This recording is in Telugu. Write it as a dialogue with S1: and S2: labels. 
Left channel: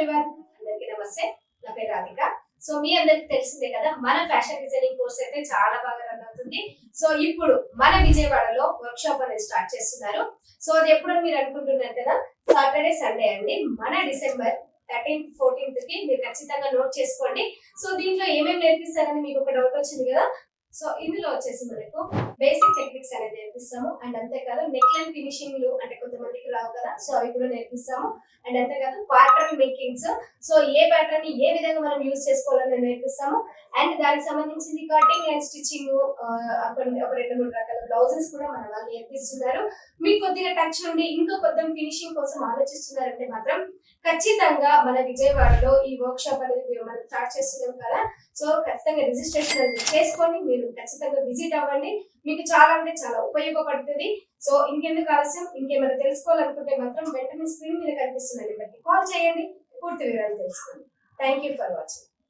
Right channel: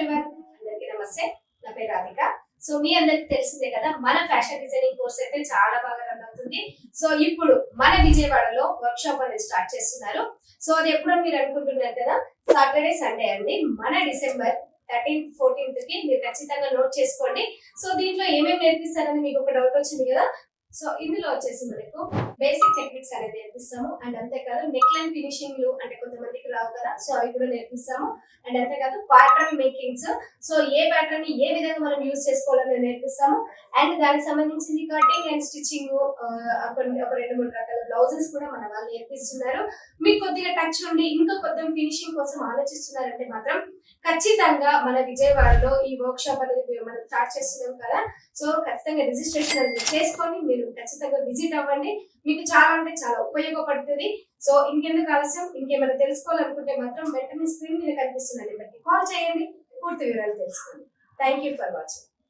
S1: ఎవ్రీవన్ అందరికీ నమస్తే. నా పేరు రాధిక. సో మీ అందరికి తెలిసిందే కదా మన ఫ్యాషన్ డిజైనింగ్ కోర్స్ అయితే చాలా బాగా రన్ అవుతుంది. సో ఇప్పుడు మన విజయవాడలో వర్క్ షాప్ అనేది స్టార్ట్ చేస్తున్నారు. సో అది ఎప్పుడో మీరు అనుకుంటున్నారు కదా సాటర్డే సండే అండి. మన డిసెంబర్ థర్టీన్త్ ఫోర్టీన్త్కి మీరు ఖచ్చితంగా నోట్ చేసుకోండి. సో దీంట్లో ఏమేమి నేర్పిస్తారని మీకు ఒక డౌట్ వచ్చింది కదా సో ఇందులో వచ్చేసి మనకు బేసిక్ టెక్నిక్స్ అనేది నేర్పిస్తాము. అండ్ అంతేకాదు నెక్ లైన్ ఫినిషింగ్లు అంటే కొంత రావు కదా? సో అవి కూడా నేర్పిస్తాము. అండ్ అంతేకాదు ప్యాటర్న్ మేకింగ్స్ సో ఏ ప్యాటర్న్ని ఏ విధంగా మనం యూజ్ చేసుకోవాలని నేర్పిస్తాము. అండ్ దానికి సంబంధించింది కటింగ్ అండ్ స్టిచ్చింగ్ కొన్ని ఒక రెండు మూడు రకాల బ్లౌజెస్ కూడా మన వాళ్ళు నేర్పిస్తున్నారు. మీకు కొద్దిగా టచ్ ఉండి ఇంకా కొద్దిగా ఫినిషింగ్ కోసం ఆలోచిస్తున్నారంటే మాత్రం ఖచ్చితంగా మన విజయవాడలో ఈ వర్క్ షాప్ అనేది మనం స్టార్ట్ చేస్తున్నాం కదా. సో ఖచ్చితంగా రిజిస్ట్రేషన్ అనేది చేసుకొని మీరు ఖచ్చితంగా విజిట్ అవ్వండి. మీకు చాలా అంటే చాలా ఉపయోగపడుతుంది. సో ఇంకెందుకు ఆలస్యం? ఇంకేమైనా తెలుసుకోవాలనుకుంటే మాత్రం వెంటనే స్క్రీన్ మీద కనిపిస్తున్న నెంబర్కి కాల్ చేయండి. పూర్తి వివరాలు తెలుసుకోండి థ్యాంక్ యూ ఫర్ వాచింగ్